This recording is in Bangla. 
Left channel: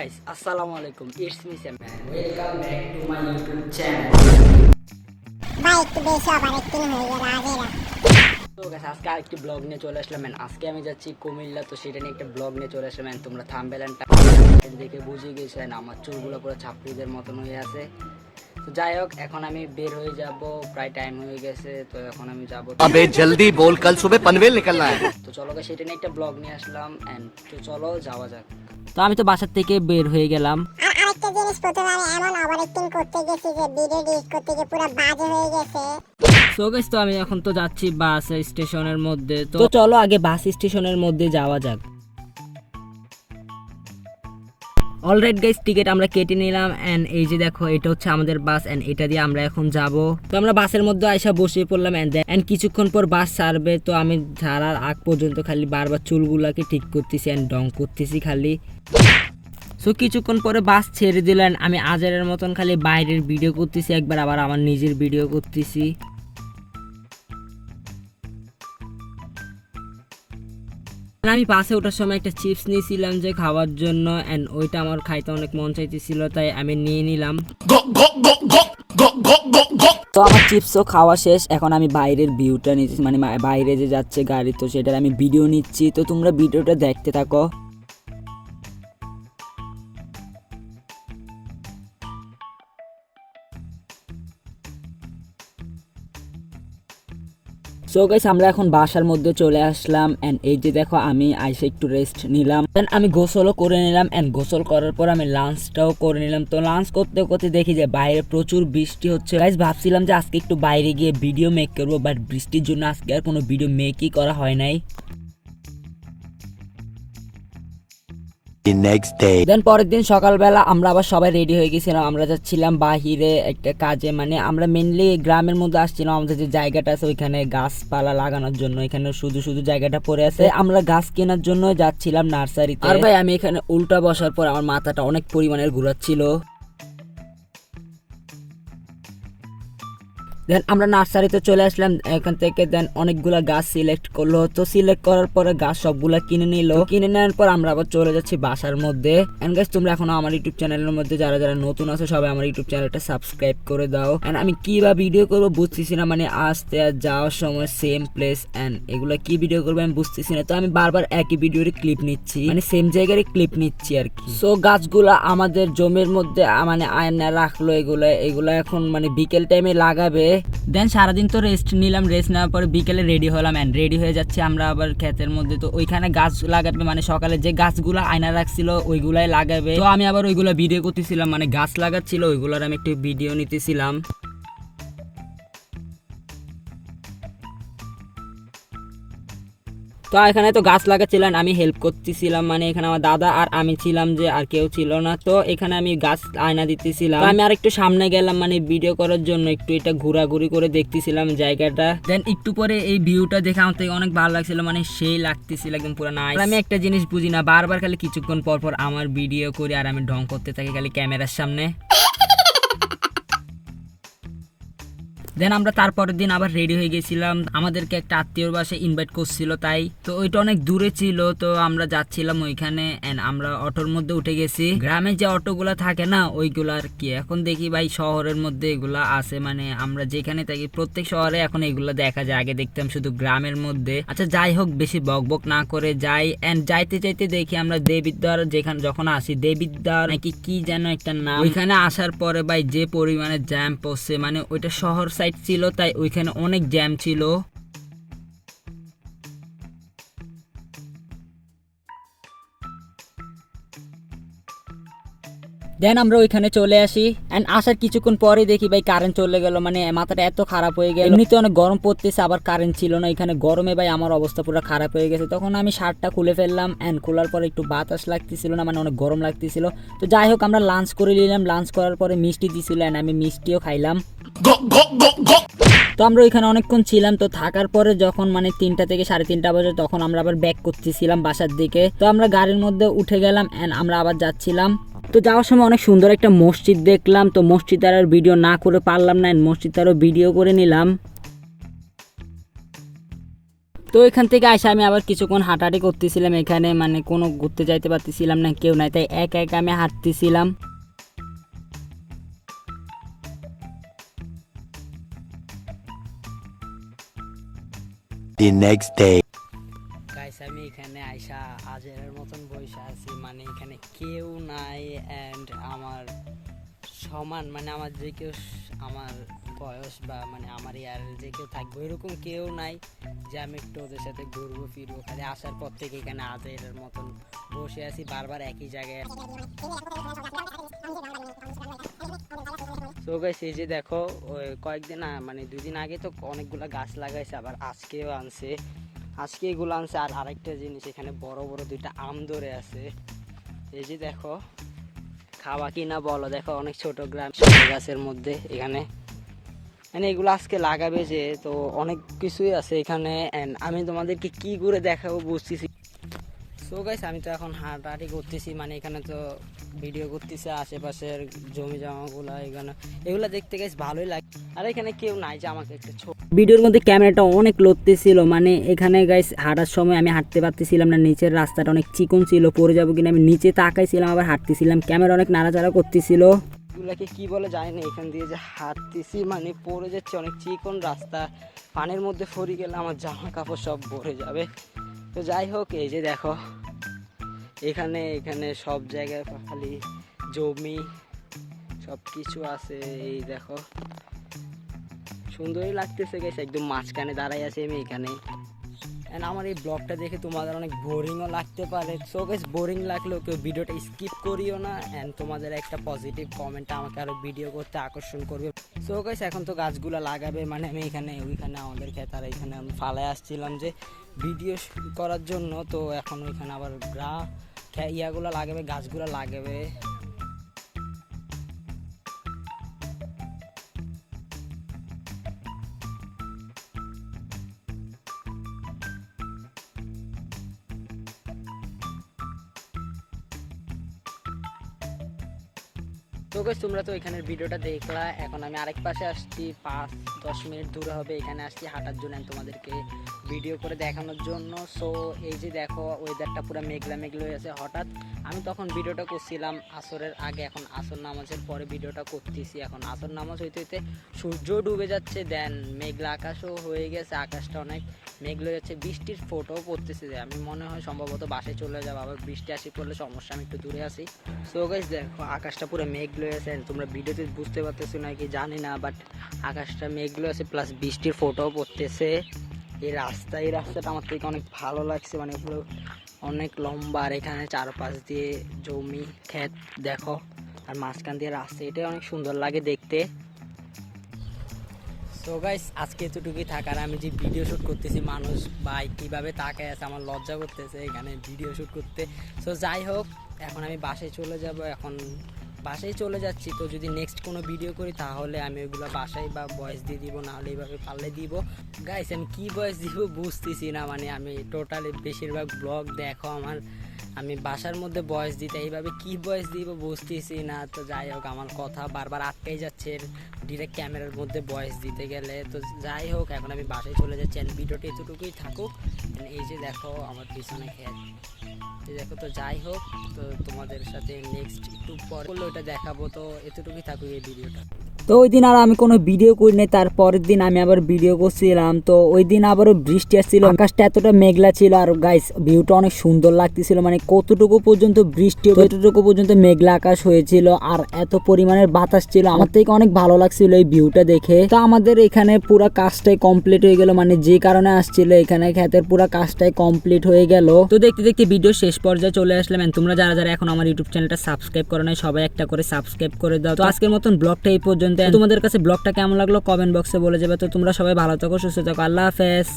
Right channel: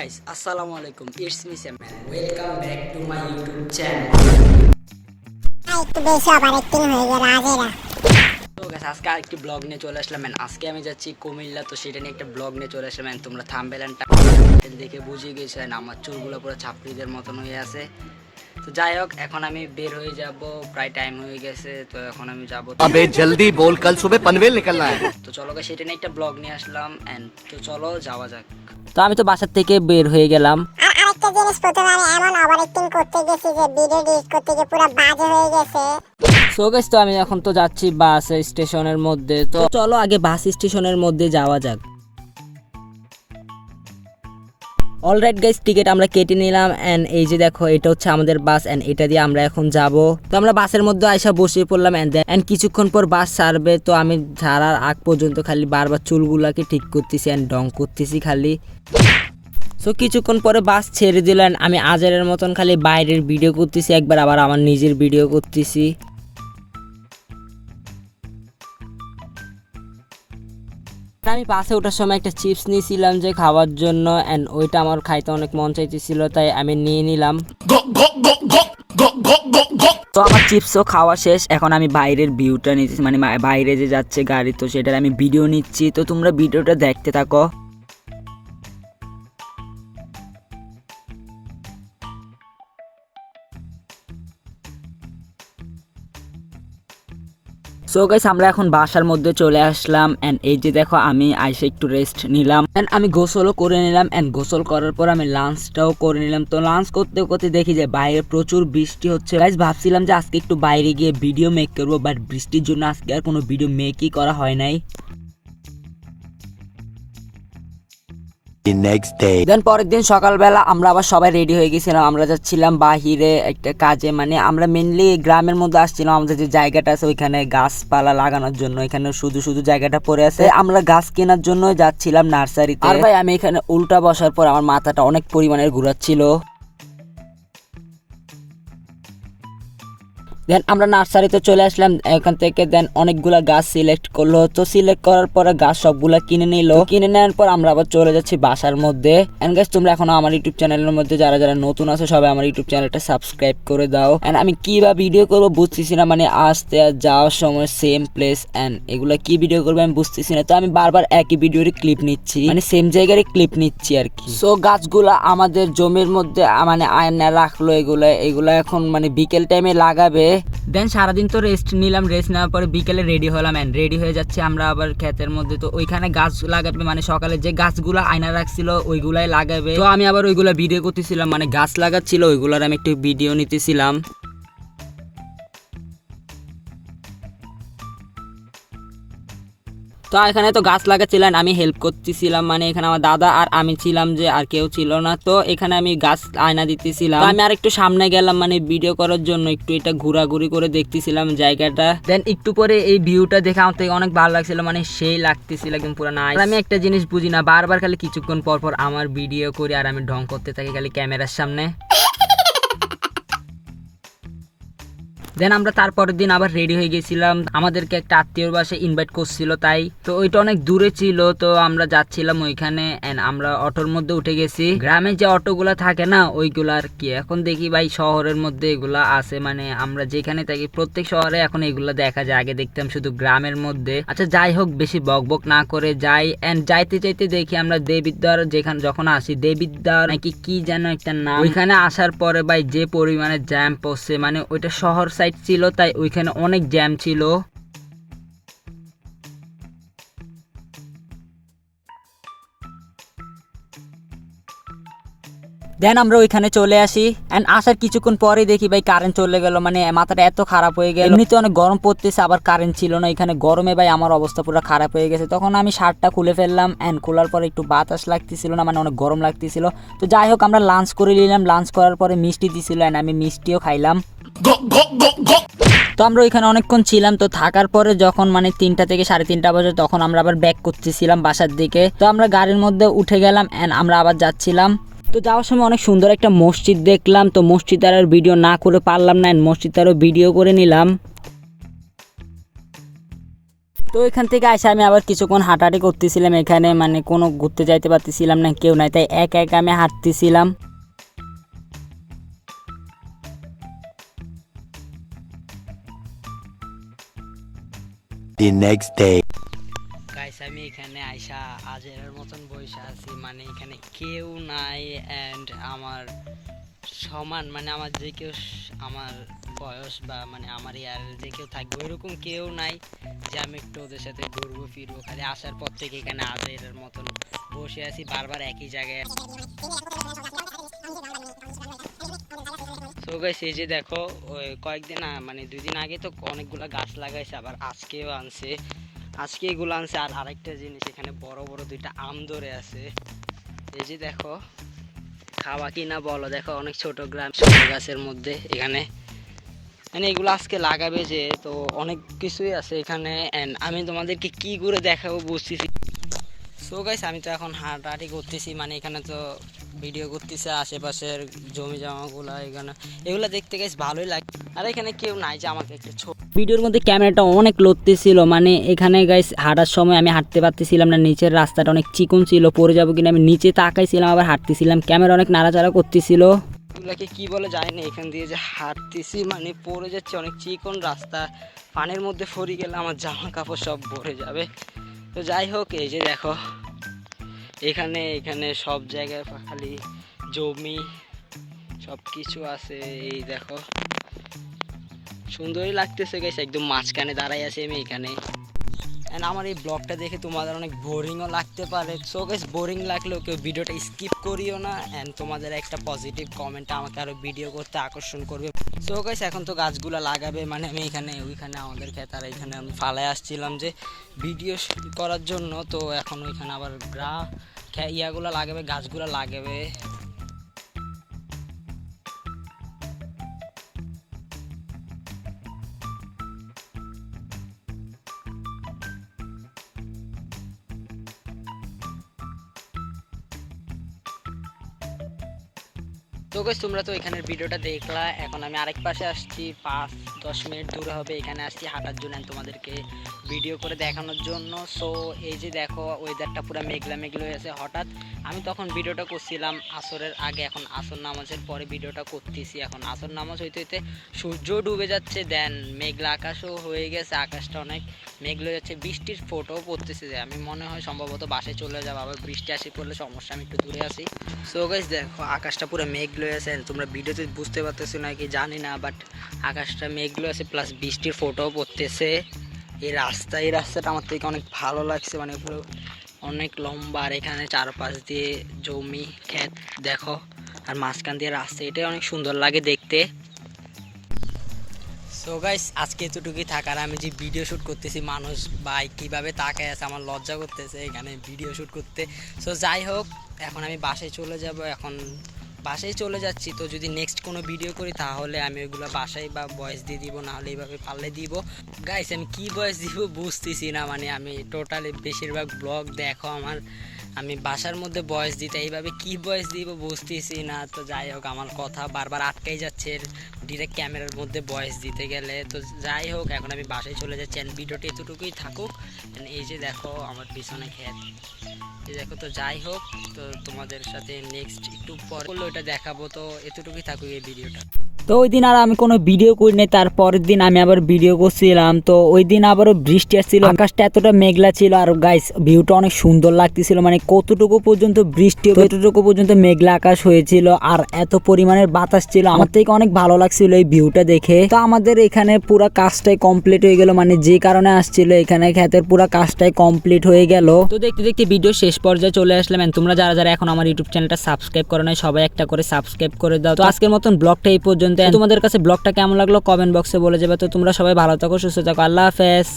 guys, Assalamualaikum. It's me Sam. Welcome back to my YouTube channel. ভাই একটু বেশি ওভার অ্যাক্টিং হয়ে গেল আজেরা। তো গাইস আজকে আরেকটি ব্লগ নিয়ে চলে আসলাম। আজকে আমি যাচ্ছি কুমিল্লা, তো সেটা নিয়ে একটা ব্লগ নিয়ে চলে আসলাম। তোমরা থাম্বনেল এন্ড টাইটেল দেখে বুঝিয়ে গেছেন আমার চুলগুলো পুরো ছাপড়িদের মতন হয়ে আছে। তো যাই হোক, এখন আমি বের হয়ে যাব, প্রায় টাইম হয়ে গেছে। তো এখন আমি যাব, अबे जल्दी बोल, कल सुबह पनवेल निकलना है। তো চলো গাইস সেটা নিয়ে একটা ব্লগ নিয়ে আসলাম এন্ড তো চলো যাওয়া যাক। তো আমি তো বাসা থেকে বের হয়ে গেলাম। আর আরেকটা জিনিস, প্রথমে আমি এমন ওভার অ্যাক্টিং করতে গেছি যে ভিডিও এডিট করতে গিয়ে পুরো বাজে হয়ে গেছে। সো গাইস, তো আমি এখন তো যাচ্ছি বাস স্টেশনের মধ্যে। তো চলো আগে বাস স্টেশনের মধ্যে যাওয়া যাক। অলরাইট গাইস, টিকিট আমরা কেটে নিলাম এন্ড এই যে দেখো, এটা হচ্ছে আমাদের বাস এন্ড এটা দিয়ে আমরা এখন যাব। তো আমরা বাসের মধ্যে আইসা বসে পড়লাম এন্ড কিছুক্ষণ পর বাস ছাড়বে। তো আমি ছাড়ার আগ পর্যন্ত খালি বারবার চুলগুলাকে ঠিক করতেছি এন্ড ডং করতেছি খালি। সো কিছুক্ষণ পরে বাস ছেড়ে দিলেন, আমি আজারের মতন খালি বাইরের ভিডিও করতেছি, একবার আবার আমার নিজের ভিডিও করতেছি। আমি বাসে ওঠার সময় একটা চিপস নিয়েছিলাম যে খাওয়ার জন্য এন্ড ওইটা আমার খাইতে অনেক মন চাইতেছিল, তাই আমি নিয়ে নিলাম। তো আমার চিপসও খাওয়া শেষ, এখন আমি বাইরের ভিউটা নিচ্ছি, মানে বাইরে যে যাচ্ছে গাড়ি, তো সেটার আমি ভিডিও নিচ্ছি। তো তোমরা ভিডিওটা দেখতে থাকো। সো গাইস, আমরা এখন বাসার মধ্যে চলে আসলাম এন্ড এই যে দেখো, আমি আইসে একটু রেস্ট নিলাম এন্ড আমি গোসলও করে নিলাম এন্ড গোসল করার পর আমি লাঞ্চটাও করে নিলাম। তো লাঞ্চ করতে করতে দেখি যে বাইরে প্রচুর বৃষ্টি হচ্ছে। গাইস ভাবছিলাম যে আজকে একটু বাইরে গিয়ে ভিডিও মেক করবো, বাট বৃষ্টির জন্য আজকে আর কোনো ভিডিও মেকই করা হয় নাই। দেন পরের দিন সকালবেলা আমরা আবার সবাই রেডি হয়ে গেছিলাম, আমরা যাচ্ছিলাম বাহিরে একটা কাজে, মানে আমরা মেনলি গ্রামের মধ্যে আসছিলাম। আমাদের যে জায়গাটা আছে ওইখানে গাছপালা লাগানোর জন্য, এখানে শুধু শুধু জায়গাটা পড়ে আছে, আমরা গাছ কেনার জন্য যাচ্ছিলাম নার্সারিতে। আর ভাই আমি এখানে উল্টা বসার পর আমার মাথাটা অনেক পরিমাণে ঘুরাচ্ছিল। দেন আমরা নার্সারিতে চলে আসলাম, এখান থেকে দেন অনেকগুলা গাছ সিলেক্ট করলো। তো সিলেক্ট করার পরে গাছ সবগুলা কিনে নিল, কিনে নেওয়ার পর আমরা আবার চলে যাচ্ছি বাসার মধ্যে। এন্ড গাইস, তোমরা এখনো আমার ইউটিউব চ্যানেলের মধ্যে যারা যারা নতুন আছো সবাই আমার ইউটিউব চ্যানেলটা সাবস্ক্রাইব করে দাও। এন্ড আমি কিভাবে ভিডিও করবো বুঝতেছি না, মানে আসতে আর যাওয়ার সময় সেম প্লেস এন্ড এগুলা কি ভিডিও করবো আমি বুঝতেছি না। তো আমি বারবার একই ভিডিওর ক্লিপ নিচ্ছি, মানে সেম জায়গায় ক্লিপ নিচ্ছি আর কি। সো গাছগুলা আমাদের জমির মধ্যে মানে আয়না রাখলো, এগুলা এখন মানে বিকেল টাইমে লাগাবে। দেন সারাদিন তো রেস্ট নিলাম, রেস্ট নেওয়ার পরে বিকেলে রেডি হলাম এন্ড রেডি হয়ে যাচ্ছে আমরা আবার ক্ষেতের মধ্যে। তো ওইখানে গাছ লাগাবে, মানে সকালে যে গাছগুলা আয়না রাখছিল ওইগুলাই লাগাবে। তো আমি আবার ওইগুলা ভিডিও করতেছিলাম, মানে গাছ লাগাচ্ছিল ওইগুলার আমি একটু ভিডিও নিতেছিলাম। তো এখানে তো গাছ লাগাচ্ছিলেন, আমি হেল্প করতেছিলাম, মানে এখানে আমার দাদা আর আমি ছিলাম, যে আর কেউ ছিল না। তো এখানে আমি গাছ আয়না দিতেছিলাম। আমি আর একটু সামনে গেলাম, মানে ভিডিও করার জন্য একটু এটা ঘোরাঘুরি করে দেখতেছিলাম জায়গাটা। দেন একটু পরে এই ভিউটা দেখে আমার থেকে অনেক ভালো লাগছিল, মানে সেই লাগতেছিল একদম পুরো নাইস। আমি একটা জিনিস বুঝি না, বারবার খালি কিছুক্ষণ পর পর আমার ভিডিও করি আর আমি ঢং করতে থাকি খালি ক্যামেরার সামনে। দেন আমরা তারপরের দিন আবার রেডি হয়ে গেছিলাম, আমাদেরকে একটা আত্মীয়র বাসায় ইনভাইট করছিল, তাই তো ওইটা অনেক দূরে ছিল। তো আমরা যাচ্ছিলাম ওইখানে এন্ড আমরা অটোর মধ্যে উঠে গেছি। গ্রামে যে অটোগুলা থাকে না ওইগুলা আর কি, এখন দেখি ভাই শহরের মধ্যে এগুলা আছে, মানে আমরা যেখানে থাকি প্রত্যেক শহরে এখন এগুলা দেখা যায়, আগে দেখতাম শুধু গ্রামের মধ্যে। আচ্ছা যাই হোক, বেশি বকবক না করে যাই এন্ড যাইতে যাইতে দেখি আমরা দেবিদ্বার যেখানে যখন আসি, দেবিদ্বার নাকি কি যেন একটা নাম, ওইখানে আসার পরে ভাই যে পরিমাণে জ্যাম পড়ছে, মানে ওইটা শহর সাইড ছিল তাই ওইখানে অনেক জ্যাম ছিল। দেন আমরা ওইখানে চলে আসি এন্ড আসার কিছুক্ষণ পরে দেখি ভাই কারেন্ট চলে গেল, মানে মাথাটা এত খারাপ হয়ে গেল। এমনিতে অনেক গরম পড়তেছে, আবার কারেন্ট ছিল না এখানে, গরমে ভাই আমার অবস্থা পুরো খারাপ হয়ে গেছে। তখন আমি শার্টটা খুলে ফেললাম এন্ড খোলার পরে একটু বাতাস লাগতেছিল না, মানে অনেক গরম লাগতেছিল। তো যাই হোক আমরা লাঞ্চ করে নিলাম, লাঞ্চ করার পরে মিষ্টি দিছিল এন্ড আমি মিষ্টিও খাইলাম। তো আমরা ওইখানে অনেকক্ষণ ছিলাম। তো থাকার পরে যখন মানে 3টা থেকে 3:30 বাজে, তখন আমরা আবার ব্যাক করতেছিলাম বাসার দিকে। তো আমরা গাড়ির মধ্যে উঠে গেলাম এন্ড আমরা আবার যাচ্ছিলাম। তো যাওয়ার সময় অনেক সুন্দর একটা মসজিদ দেখলাম, তো মসজিদের আর ভিডিও না করে পারলাম না, মসজিদেরও ভিডিও করে নিলাম। তো এখান থেকে এসে আমি আবার কিছুক্ষণ হাঁটাহাঁটি করতেছিলাম, এখানে মানে কোনো ঘুরতে যাইতে পারতেছিলাম না, কেউ নাই, তাই একা একা আমি হাঁটতেছিলাম। The next day. গাইস আমি এখানে আইসা আজের মতন বসে আছি, মানে এখানে কেউ নাই অ্যান্ড আমার সমান মানে আমার যে কেউ আমার বয়স বা মানে আমার ইয়ার যে কেউ থাকবে এরকম কেউ নাই যে আমি একটু ওদের সাথে ঘুরবো ফিরবো। খালি আসার পর থেকে এখানে আজের মতন বসে আছি বারবার একই জায়গায়। তো গাইস এই যে দেখো ওই কয়েকদিন মানে 2 দিন আগে তো অনেকগুলো গাছ লাগাইছে, আবার আজকেও আনছে, আজকে এগুলো আনছে। আর আরেকটা জিনিস এখানে বড় বড় 2টা আম ধরে আছে, এই যে দেখো, খাওয়া কি না বলো, দেখো অনেক ছোট গাছের মধ্যে এখানে মানে এগুলো আজকে লাগাবে যে, তো অনেক কিছুই আছে এখানে। অ্যান্ড আমি তোমাদেরকে কি করে দেখাবো বুঝতেছি। সো গাইস আমি তো এখন হাঁটাহাঁটি করতেছি, মানে এখানে তো ভিডিও করতেছে আশেপাশের জমি জমাগুলো, এগুলো দেখতে গাইস ভালোই লাগে। আর এখানে কেউ নাই যে আমাকে একটা ভিডিওর মধ্যে ক্যামেরাটা অনেক লড়তেছিল, মানে এখানে গাইস হাঁটার সময় আমি হাঁটতে পারতেছিলাম না, নিচের রাস্তাটা অনেক চিকন ছিল, পড়ে যাবো কিনা আমি নিচে তাকাইছিলাম, আবার হাঁটতেছিলাম, ক্যামেরা অনেক নাড়াচাড়া করতেছিল। এগুলাকে কি বলে যায় না, এখান দিয়ে যে হাঁটতেছি মানে পড়ে যাচ্ছে, অনেক চিকন রাস্তা, পানির মধ্যে পড়ে গেলে আমার জামা কাপড় সব ভরে যাবে। তো যাই হোক এই যে দেখো এখানে এখানে সব জায়গায় খালি জমি সব কিছু আছে, এই দেখো সুন্দরই লাগতেছে গাইস, একদম মাঝখানে দাঁড়াই আছি আমি এখানে। অ্যান্ড আমার এই ব্লগটা দেখে তোমাদের অনেক বোরিংও লাগতে পারে, সো গাইস বোরিং লাগলেও কেউ ভিডিওটা স্কিপ করিও না। অ্যান্ড তোমাদের একটা পজিটিভ কমেন্ট আমাকে আরও ভিডিও করতে আকর্ষণ করবে। সো গাইস এখন তো গাছগুলো লাগাবে, মানে আমি এখানে ওইখানে আমাদের ক্ষেত আর এখানে আমি ফালায় আসছিলাম যে ভিডিও করার জন্য, তো এখন ওইখানে আবার ইয়াগুলো লাগাবে, গাছগুলো লাগাবে। তো গাইস তোমরা তো এখানের ভিডিওটা দেখলা, এখন আমি আরেক পাশে আসছি, 5-10 মিনিট দূরে হবে, এখানে আসছি হাঁটার জন্য তোমাদেরকে ভিডিও করে দেখানোর জন্য। সো এই যে দেখো ওয়েদারটা পুরো মেঘলা মেঘলা হয়ে আছে। হঠাৎ আমি তখন ভিডিওটা করছিলাম আসরের আগে, এখন আসর নামাজের পরে ভিডিওটা করতেছি। এখন আসর নামাজ হইতে হইতে সূর্য ডুবে যাচ্ছে, দেন মেঘলা আকাশও হয়ে গেছে, আকাশটা অনেক মেঘলা হয়ে যাচ্ছে, বৃষ্টির ফোটাও পড়তেছে, যে আমি মনে হয় সম্ভবত বাসে চলে যাবো, আবার বৃষ্টি আসি পড়লে সমস্যা, আমি একটু দূরে আসি। সো গাইস দেখো আকাশটা পুরো মেঘলা আছে, তোমরা ভিডিওতে বুঝতে পারতেছো নাকি জানি না, বাট আকাশটা মেঘলা আছে প্লাস বৃষ্টির ফোটাও পড়তেছে। এই রাস্তাটা আমার থেকে অনেক ভালো লাগছে, মানে পুরো অনেক লম্বা, আর এখানে চারপাশ দিয়ে জমি ক্ষেত দেখো, আর মাঝখান দিয়ে রাস্তা, এটাই অনেক সুন্দর লাগে দেখতে। সো গাইস আজকে এতটুকুই থাকার, আমি যে ভিডিও শ্যুট করতেছি মানুষ ভাই কীভাবে তাকায় আছে, আমার লজ্জা করতেছে এখানে ভিডিও শ্যুট করতে। সো যাই হোক এখন আমি বাসায় চলে যাব, এখন বাসায় চলে যাচ্ছি। তো যদি নেক্সট কোনো ভিডিও করি তাহলে আমি ওইগুলো বাসায় বা ভয়েস দিয়ে দিব, নাহলে এইভাবে পারলে দিব। গাইস আমি কি ভয়েস দিব বুঝতেছি না, মানে আমি টোটালি বেশিরভাগ ব্লগ দেখো আমার, আমি বাসার মধ্যে ভয়েস দিতে এইভাবে কি ভয়েস দিব বুঝতেছি না। তো যাই হোক আমার কথা বারবার আটকাই যাচ্ছে ডিরেক্ট ক্যামেরার মধ্যে ভয়েস দিতে গেলে। তো যাই হোক এখন আমি বাসায় চলে যাচ্ছি, ভিডিওটা এতটুকুই থাকুক। এই যে দেখো আমার পিছনে ক্ষেত, এই দেখো। তো যাই হোক তো তোমাদের সাথে নেক্সট একটু পরে ওটা দেখাবো, তো এতটুকুই থাকুক এই ভিডিওটা। তো ওই দিন আর আমি কোনো ভিডিও করিনি, তারপরের দিন আমি আবার ভিডিও করছিলাম। তো ওই দিন আবারও বৃষ্টি আসছিল, আকাশটা এতটা মেঘলা ছিল, আর গাইস ভিউটা অনেক সুন্দর লাগতেছিল, মানে কতটুকু পর্যন্ত বৃষ্টি ততটুকু পর্যন্ত মেঘলা আকাশ হয়েছিল, আর এত পরিমাণের বাতাস ছিল, আমার থেকে অনেক ভালো লাগছিল এই ভিউটা দেখে। তো আমাদের এখানে পুরো কাজটাই কমপ্লিট হয়ে গেল, মানে যে কারণে আসছিল এখানে ক্ষেতের পুরো কাজটাই কমপ্লিট হয়ে গেল। তো দেখতে দেখতে ভিডিও শেষ পর্যায়ে চলে আসলাম। তোমরা যারা যারা এখন আমার ইউটিউব চ্যানেলটা সাবস্ক্রাইব করো নাই সবাই একটা করে সাবস্ক্রাইব করে দাও। তো আজকের মতন ব্লগটা এই পর্যন্ত। তোমাদের কাছে ব্লগটা কেমন লাগলো কমেন্ট বক্সে বলে যাবে। তো তোমরা সবাই ভালো থাকো, সুস্থ থাকো, আল্লাহ হাফেজ।